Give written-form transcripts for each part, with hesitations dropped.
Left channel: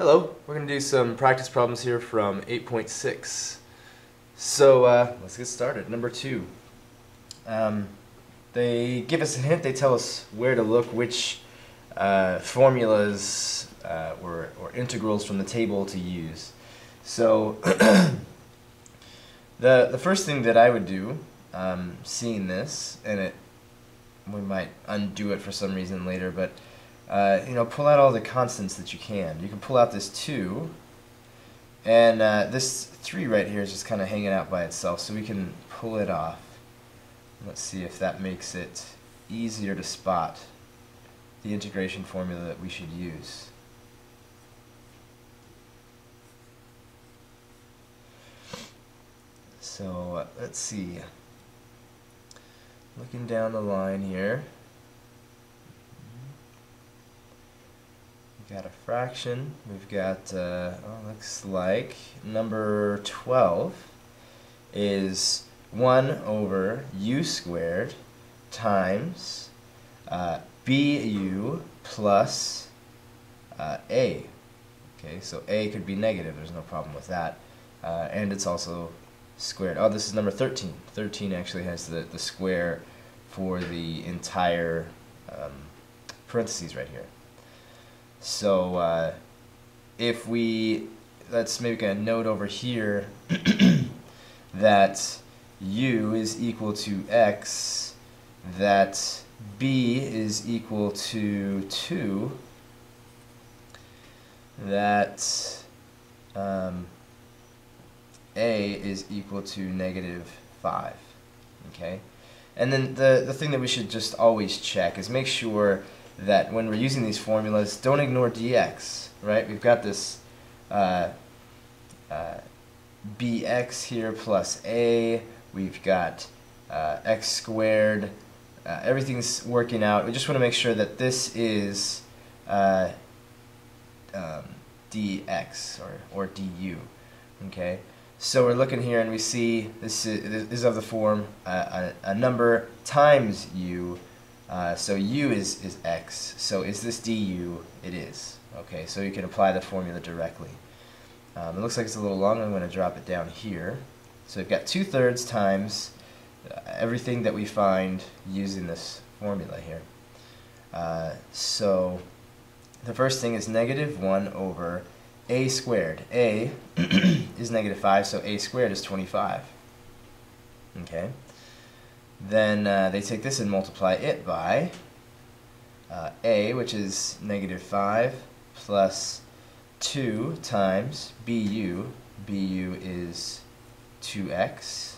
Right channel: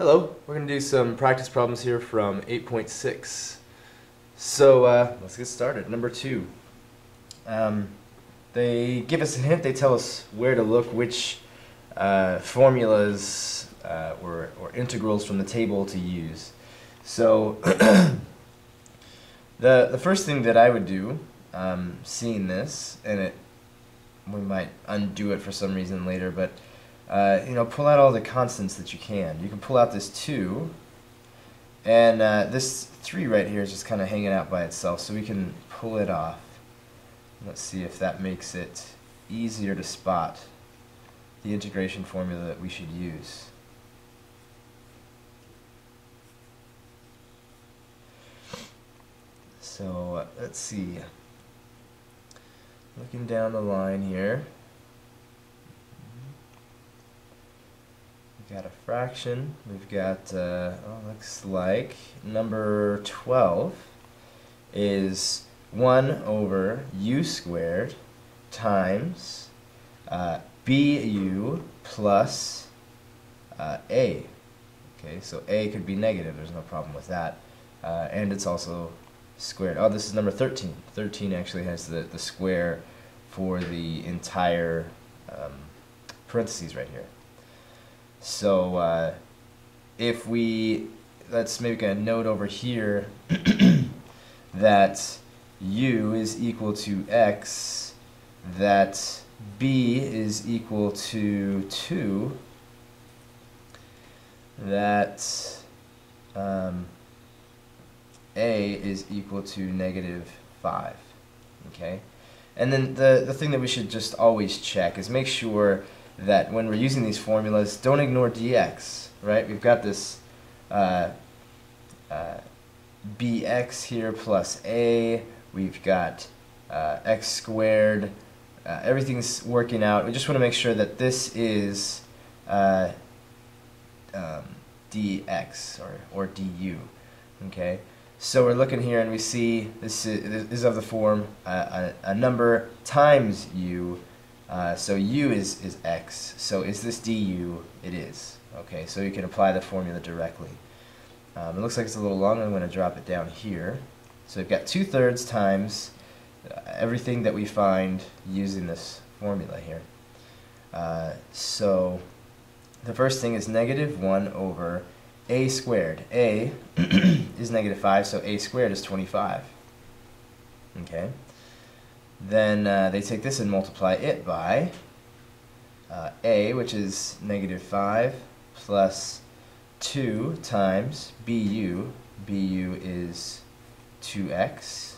Hello, we're going to do some practice problems here from 8.6. So let's get started. Number 2. They give us a hint, they tell us where to look, which formulas or integrals from the table to use. So the first thing that I would do, seeing this, and we might undo it for some reason later, but pull out all the constants that you can. You can pull out this 2, and this 3 right here is just kind of hanging out by itself, so we can pull it off. Let's see if that makes it easier to spot the integration formula that we should use. So let's see. Looking down the line here, we've got a fraction. We've got, looks like number 12 is 1 over u squared times bu plus a. Okay, so a could be negative. There's no problem with that. And it's also squared. Oh, this is number 13. 13 actually has the square for the entire parentheses right here. So if let's make a note over here that u is equal to x, that b is equal to 2, that a is equal to negative 5. Okay? And then the thing that we should just always check is make sure that when we're using these formulas, don't ignore dx, right? We've got this bx here plus a, we've got x squared, everything's working out. We just want to make sure that this is dx or du, okay? So we're looking here and we see this is of the form a number times u. So u is x. So is this du? It is. Okay, so you can apply the formula directly. It looks like it's a little long. I'm going to drop it down here. So we've got 2/3 times everything that we find using this formula here. So the first thing is negative 1 over a squared. A is negative 5, so a squared is 25. Okay. Then they take this and multiply it by a, which is negative 5, plus 2 times bu. Bu is 2x.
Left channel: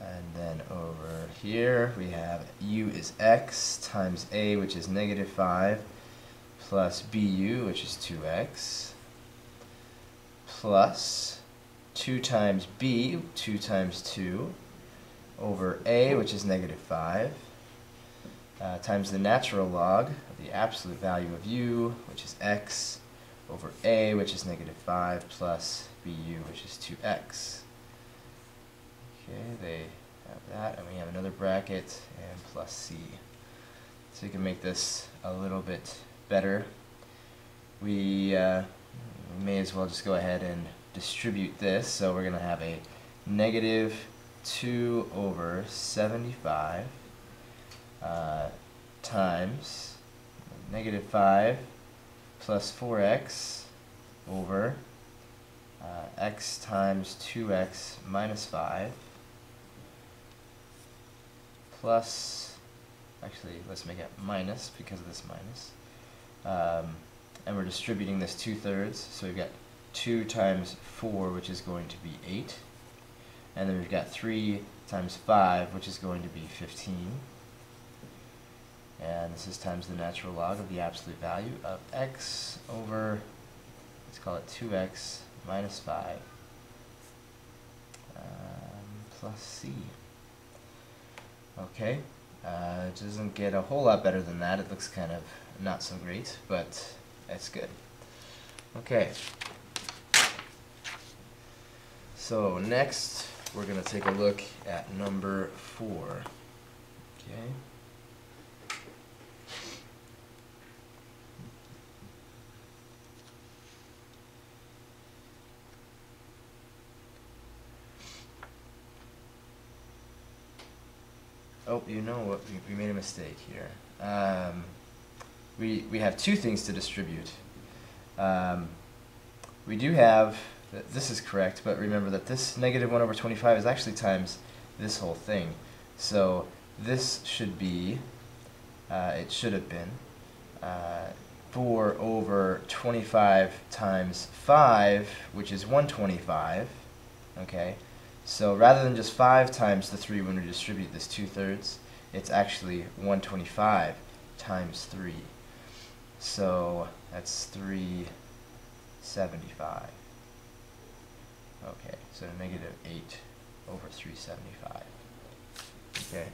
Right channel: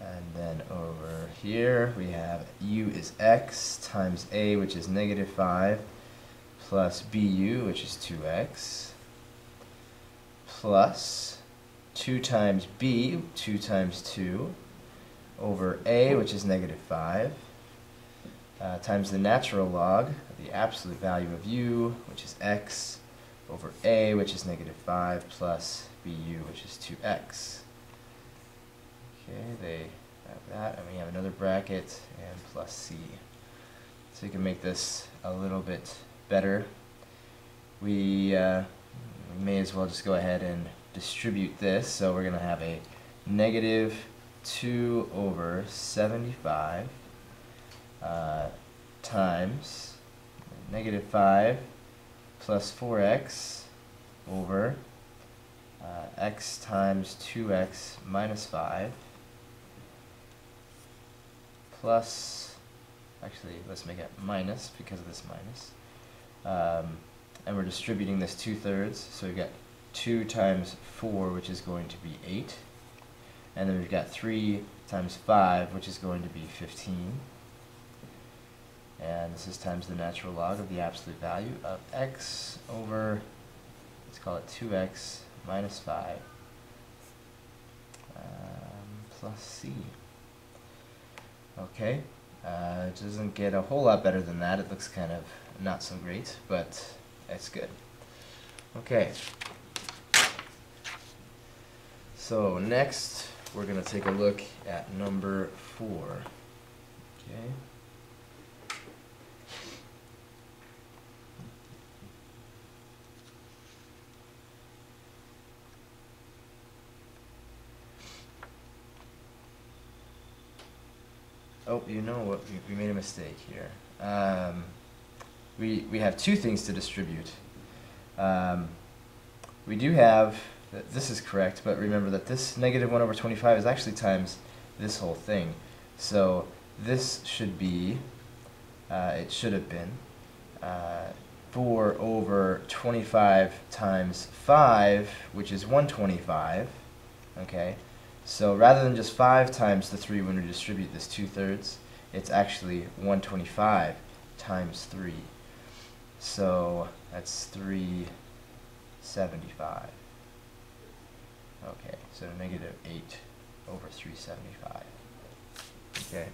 And then over here we have u is x times a, which is negative 5, plus bu, which is 2x, plus 2 times b, 2 times 2, over a, which is negative 5, times the natural log of the absolute value of u, which is x, over a, which is negative 5, plus bu, which is 2x. Okay, they have that, and we have another bracket, and plus c. So you can make this a little bit better. We may as well just go ahead and distribute this. So we're going to have a negative 2 over 75 times negative 5 plus 4x over x times 2x minus 5 plus, actually let's make it minus because of this minus, and we're distributing this 2/3, so we've got 2 times 4, which is going to be 8, and then we've got 3 times 5, which is going to be 15, and this is times the natural log of the absolute value of x over, let's call it 2x minus 5 plus c. Okay, it doesn't get a whole lot better than that. It looks kind of not so great, but it's good. Okay, so next we're going to take a look at number 4. Okay. Oh, you know what? We made a mistake here. We have two things to distribute. We do have, this is correct, but remember that this negative 1 over 25 is actually times this whole thing. So this should be, it should have been 4 over 25 times 5, which is 125, okay? So rather than just 5 times the 3 when we distribute this 2/3, it's actually 125 times 3. So that's 375. Okay, so negative 8 over 375. Okay.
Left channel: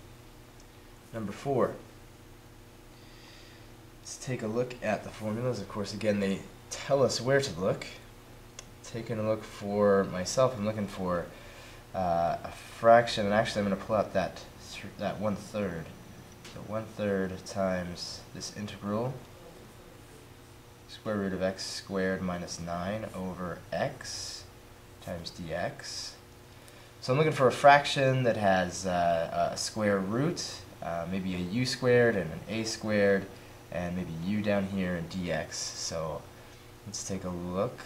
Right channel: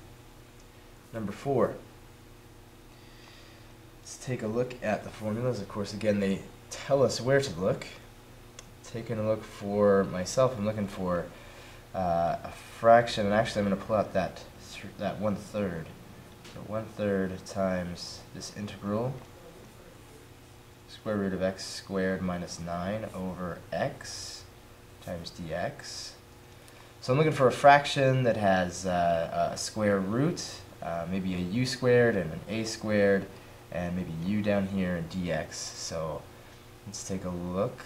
Number 4. Let's take a look at the formulas. Of course, again, they tell us where to look. Taking a look for myself, I'm looking for a fraction, and actually I'm going to pull out that 1/3. So 1/3 times this integral, square root of x squared minus 9 over x times dx. So I'm looking for a fraction that has a square root, maybe a u squared and an a squared, and maybe u down here and dx. So let's take a look.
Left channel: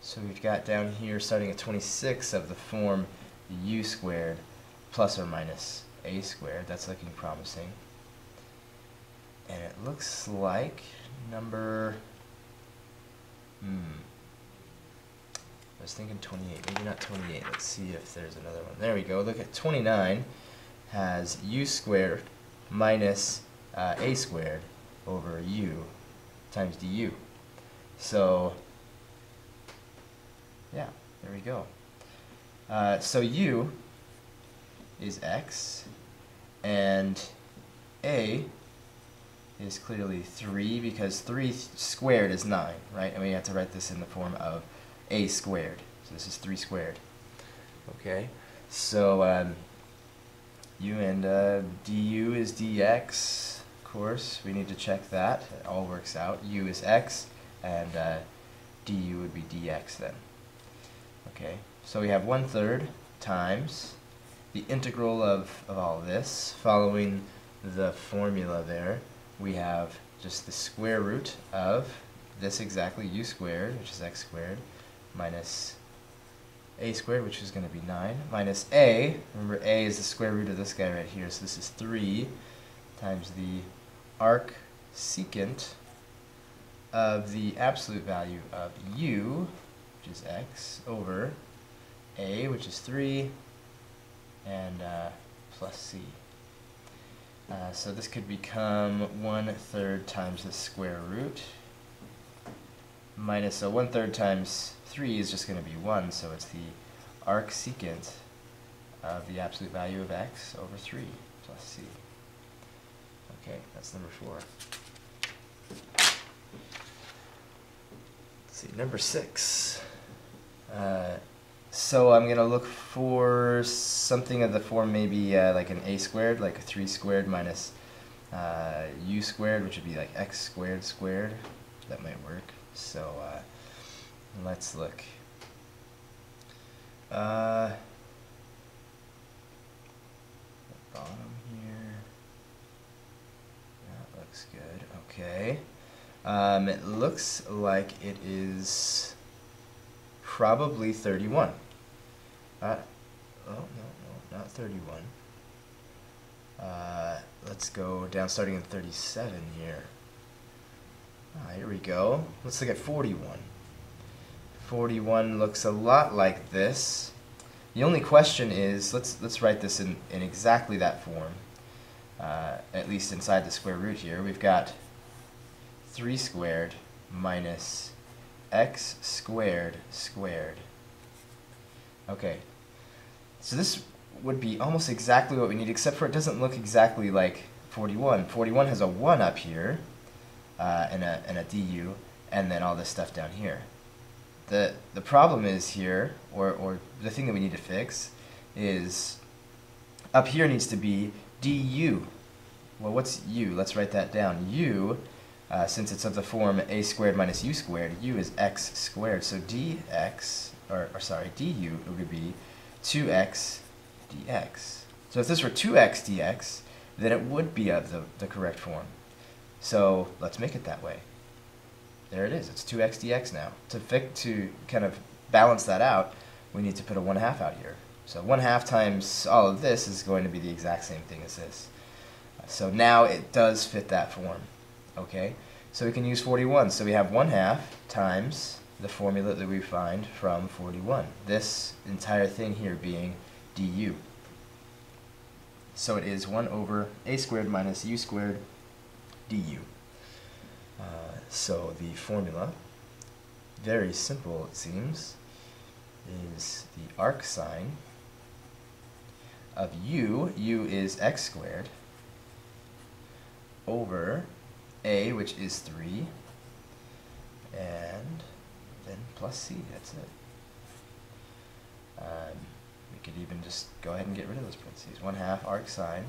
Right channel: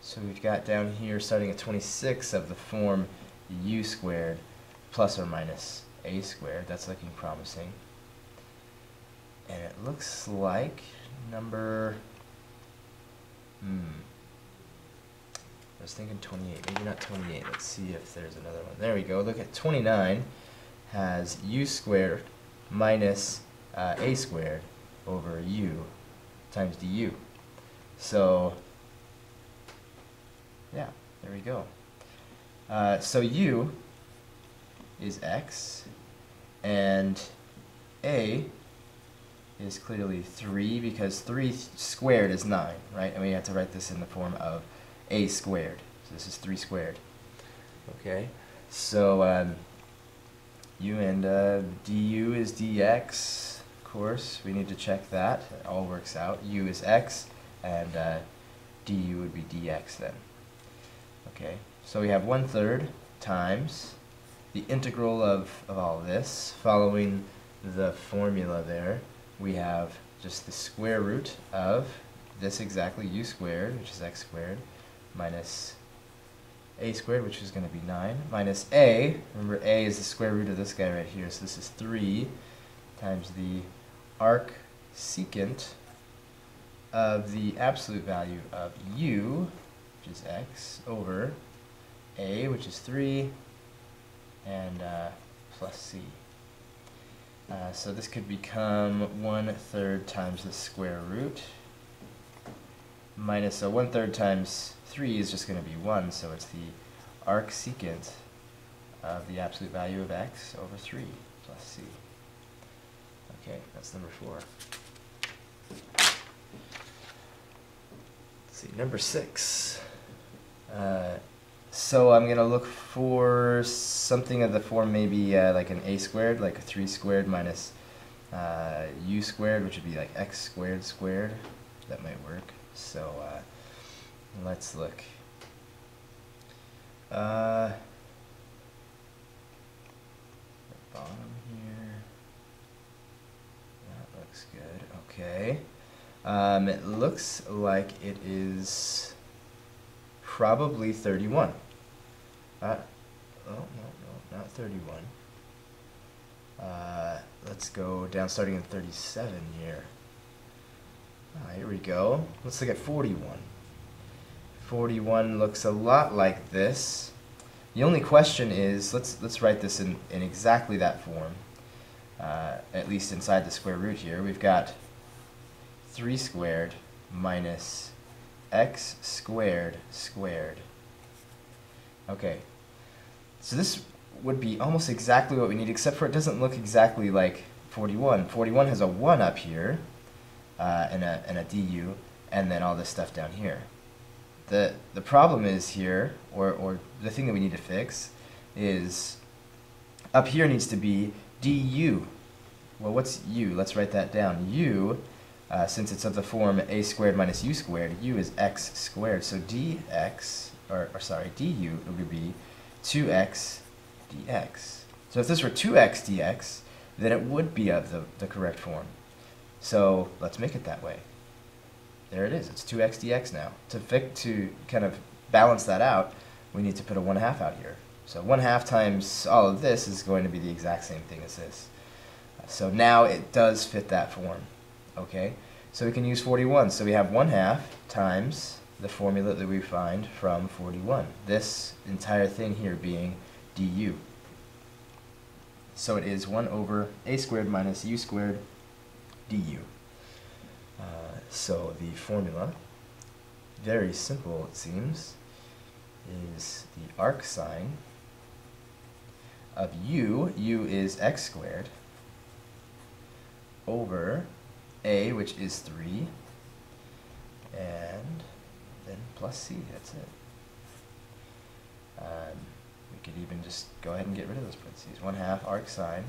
So we've got down here, starting at 26, of the form u squared plus or minus a squared. That's looking promising. And it looks like number, I was thinking 28, maybe not 28. Let's see if there's another one. There we go. Look at 29 has u squared minus a squared over u times du. So yeah, there we go. So u is x, and a is clearly 3, because 3 squared is 9, right? And we have to write this in the form of a squared. So this is 3 squared. Okay, so u and du is dx. Of course, we need to check that. It all works out. U is x, and du would be dx then. Okay, so we have 1/3 times the integral of all this. Following the formula there, we have just the square root of this exactly, u squared, which is x squared, minus a squared, which is going to be 9, minus a. Remember, a is the square root of this guy right here, so this is 3 times the arc secant of the absolute value of u, which is x, over a, which is 3, and plus c. So this could become 1/3 times the square root, minus, so 1/3 times 3 is just going to be 1, so it's the arc secant of the absolute value of x over 3 plus c. Okay, that's number 4. Let's see, number 6. So I'm going to look for something of the form maybe like an a squared, like a 3 squared minus u squared, which would be like x squared squared. That might work. So let's look. The bottom here. That looks good. Okay. It looks like it is probably 31. Oh, no, not 31. Let's go down starting at 37 here. Here we go. Let's look at 41. 41 looks a lot like this. The only question is, let's write this in exactly that form, at least inside the square root here. We've got 3 squared minus x squared squared. Okay, so this would be almost exactly what we need, except for it doesn't look exactly like 41. 41 has a 1 up here, and a du, and then all this stuff down here. The problem is here, or the thing that we need to fix, is up here needs to be du. Well, what's u? Let's write that down. U, since it's of the form a squared minus u squared, u is x squared. So dx or sorry, du, it would be 2x dx. So if this were 2x dx, then it would be of the correct form. So let's make it that way. There it is. It's 2x dx now. To kind of balance that out, we need to put a 1/2 out here. So 1/2 times all of this is going to be the exact same thing as this. So now it does fit that form. Okay? So we can use 41. So we have 1/2 times the formula that we find from 41. This entire thing here being du. So it is 1 over a squared minus u squared du. So the formula, very simple it seems, is the arc sine of u is x squared, over a, which is 3, and then plus c, that's it. We could even just go ahead and get rid of those parentheses. 1/2 arc sine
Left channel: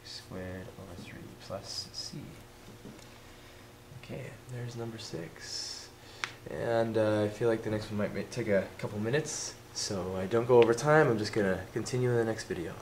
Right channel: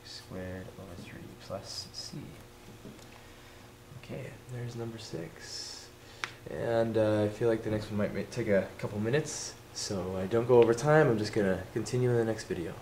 x squared over 3 plus c. Okay, there's number 6. And I feel like the next one might take a couple minutes, so I don't go over time. I'm just going to continue in the next video.